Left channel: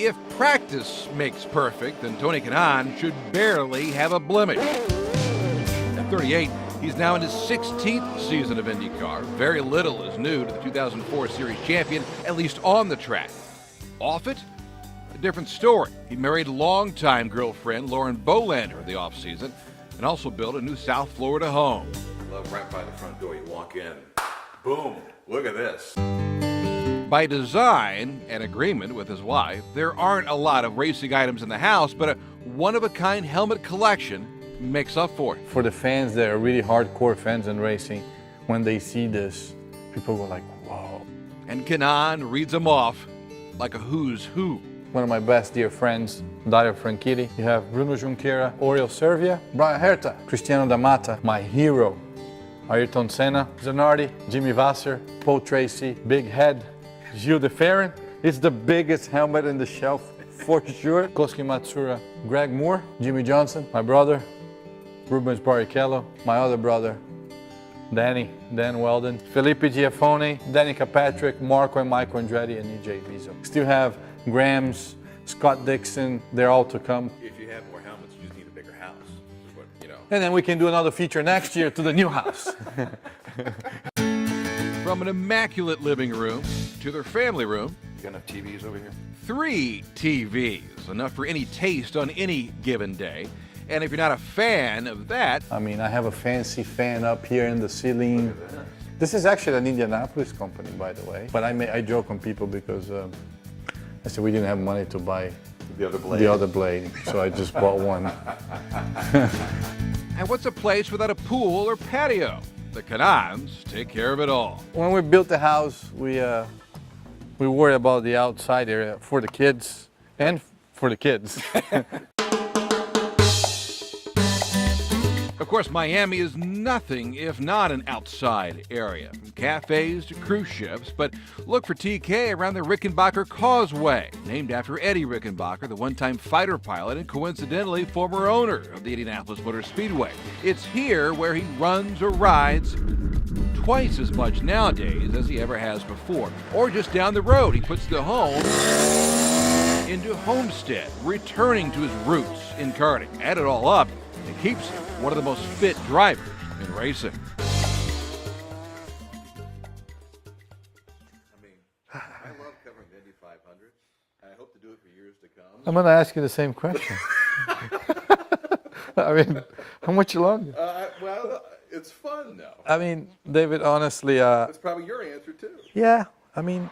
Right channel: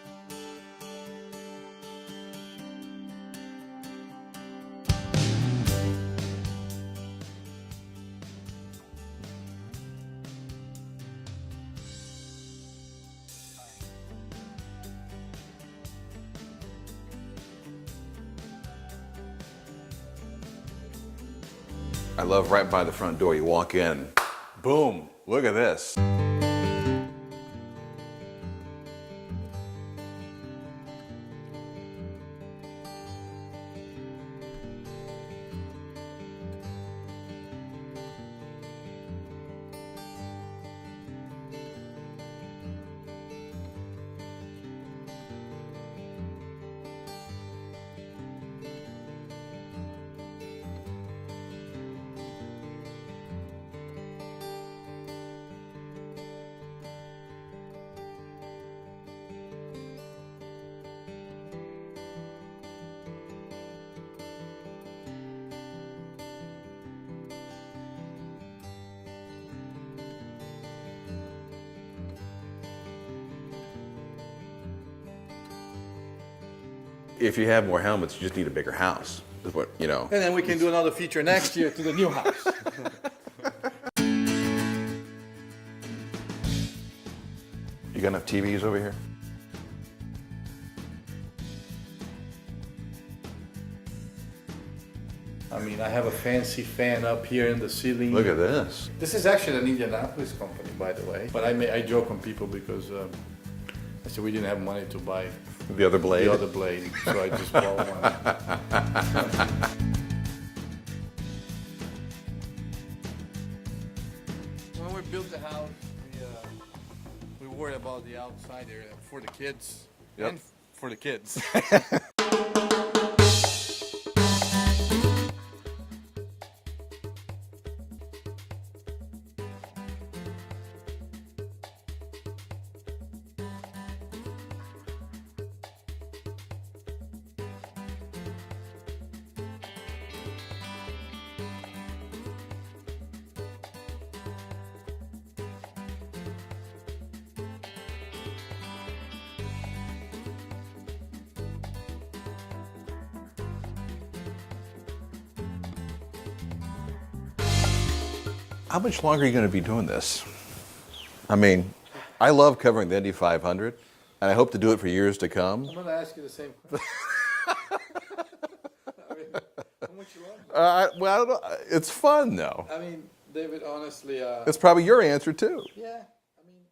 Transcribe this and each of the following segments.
If practice makes perfect, then Tony Kanaan should barely have a blemish. At 38, he's now in his 16th season of IndyCar. Very little is new to the 2004 Series champion, at least on the track. Off it, a different story. He married longtime girlfriend Lauren Bolander in the offseason and also built a new South Florida home. I love right by the front door. You walk in, boom, look at this. By design and agreement with his wife, there aren't a lot of racing items in the house, but a one-of-a-kind helmet collection makes up for it. For the fans that are really hardcore fans in racing, when they see this, people go like, whoa. And Kanaan reads them off like a who's who. One of my best dear friends, Dario Franchitti. You have Bruno Junqueira, Oriol Servia, Brian Herta, Cristiano D'Amata, my hero, Ayrton Senna, Zanardi, Jimmy Vasser, Paul Tracy, Big Head, Gilles de Ferran. It's the biggest helmet in the shelf, for sure. Kosuke Matsura, Greg Moore, Jimmy Johnson, my brother, Rubens Barrichello, my other brother, Dan Weldon, Felipe Giafone, Danica Patrick, Marco and Michael Andretti, and EJ Rizzo. Still have Grams, Scott Dixon, they're all to come. If you have more helmets, you just need a bigger house, is what, you know. And then we can do another feature next year to the new house. From an immaculate living room to their family room, You got enough TVs over here? 3 TVs, enough for any taste on any given day. And if you're not a fan of that, I mean, I have a fancy fan up here in the ceiling. Look at this. This is actually an Indianapolis company, by the way. But I joke with people because I said we didn't have money to buy The other blade. the other blade, so I just bought one. and what's a place without a pool or patio? The Kanaans take care of it all. When we built the house, we worry about the outside area for the kids and for the kids. Of course, Miami is nothing if not an outside area, from cafes to cruise ships, but look for TK around the Rickenbacker Causeway, named after Eddie Rickenbacker, the one-time fighter pilot and coincidentally former owner of the Indianapolis Motor Speedway. It's here where he runs or rides twice as much nowadays as he ever has before. Or just down the road, he puts the home into Homestead, returning to his roots in karting. Add it all up, it keeps him one of the most fit drivers in racing. How much longer are you going to be doing this? I mean, I love covering the Indy 500, and I hope to do it for years to come. I'm going to ask you the same question. I mean, how much longer? Well, I don't know. It's fun, though. I mean, David, honestly, It's probably your answer, too. yeah, I mean,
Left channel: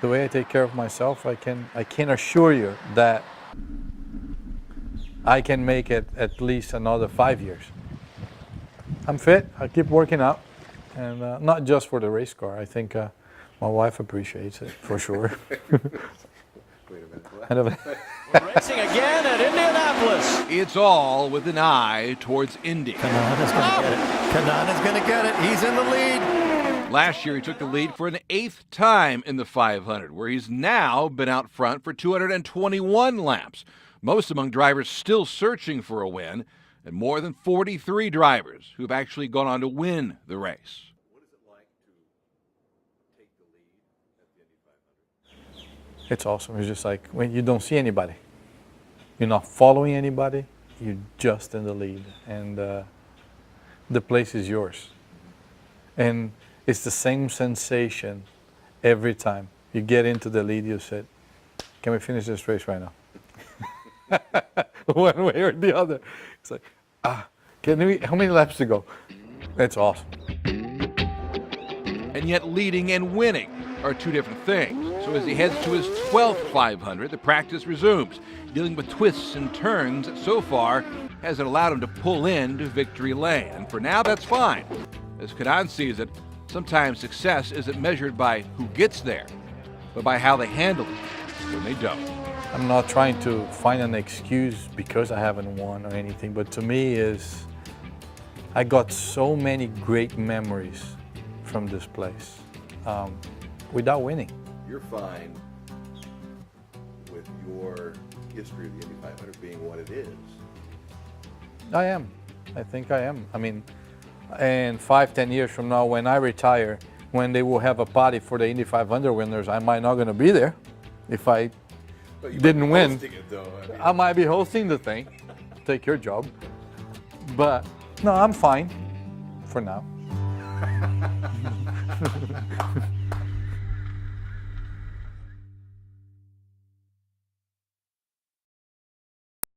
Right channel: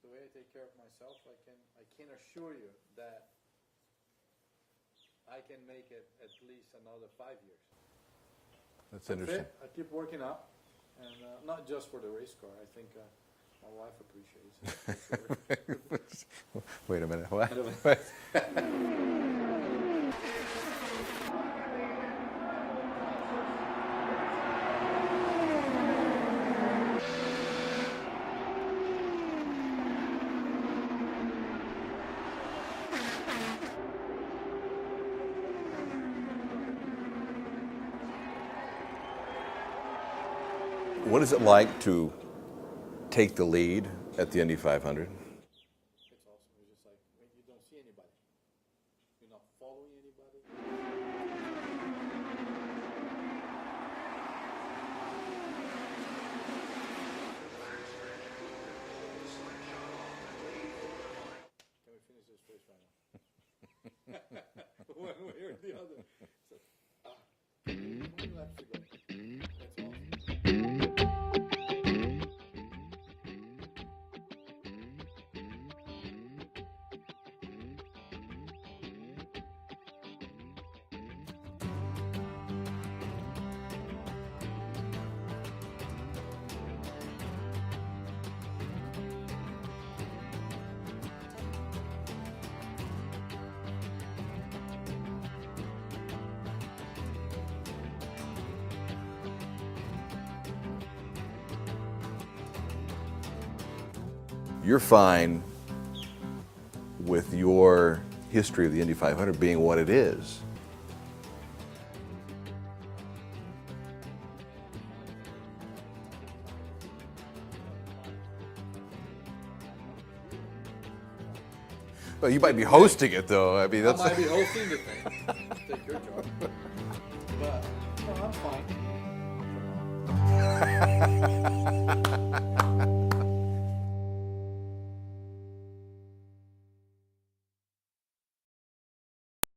the way I take care of myself, I can assure you that I can make it at least another 5 years. I'm fit, I keep working out, and not just for the race car. I think my wife appreciates it, for sure. Wait a minute. What? Racing again at Indianapolis. It's all with an eye towards Indy. Kanaan is going to get it. Kanaan is going to get it. He's in the lead. Last year, he took the lead for an 8th time in the 500, where he's now been out front for 221 laps. Most among drivers still searching for a win, and more than 43 drivers who've actually gone on to win the race. What is it like to take the lead at the Indy 500? It's awesome. It's just like when you don't see anybody. You're not following anybody. You're just in the lead. And the place is yours. And it's the same sensation every time. You get into the lead, you say, can we finish this race right now? One way or the other. It's like, how many laps to go? It's awesome. And yet leading and winning are two different things. So as he heads to his 12th 500, the practice resumes. Dealing with twists and turns so far hasn't allowed him to pull into victory lane. And for now, that's fine. As Kanaan sees it, sometimes success isn't measured by who gets there, but by how they handle it when they don't. I'm not trying to find an excuse because I haven't won or anything, but to me is I got so many great memories from this place without winning. You're fine with your history of the Indy 500 being what it is. I am. I think I am. I mean, in 5-10 years from now, when I retire, when they will have a party for the Indy 500 winners, I might not going to be there if I Well, you might be didn't win. hosting it, though. I mean, I might be hosting the thing. Take your job. But no, I'm fine for now.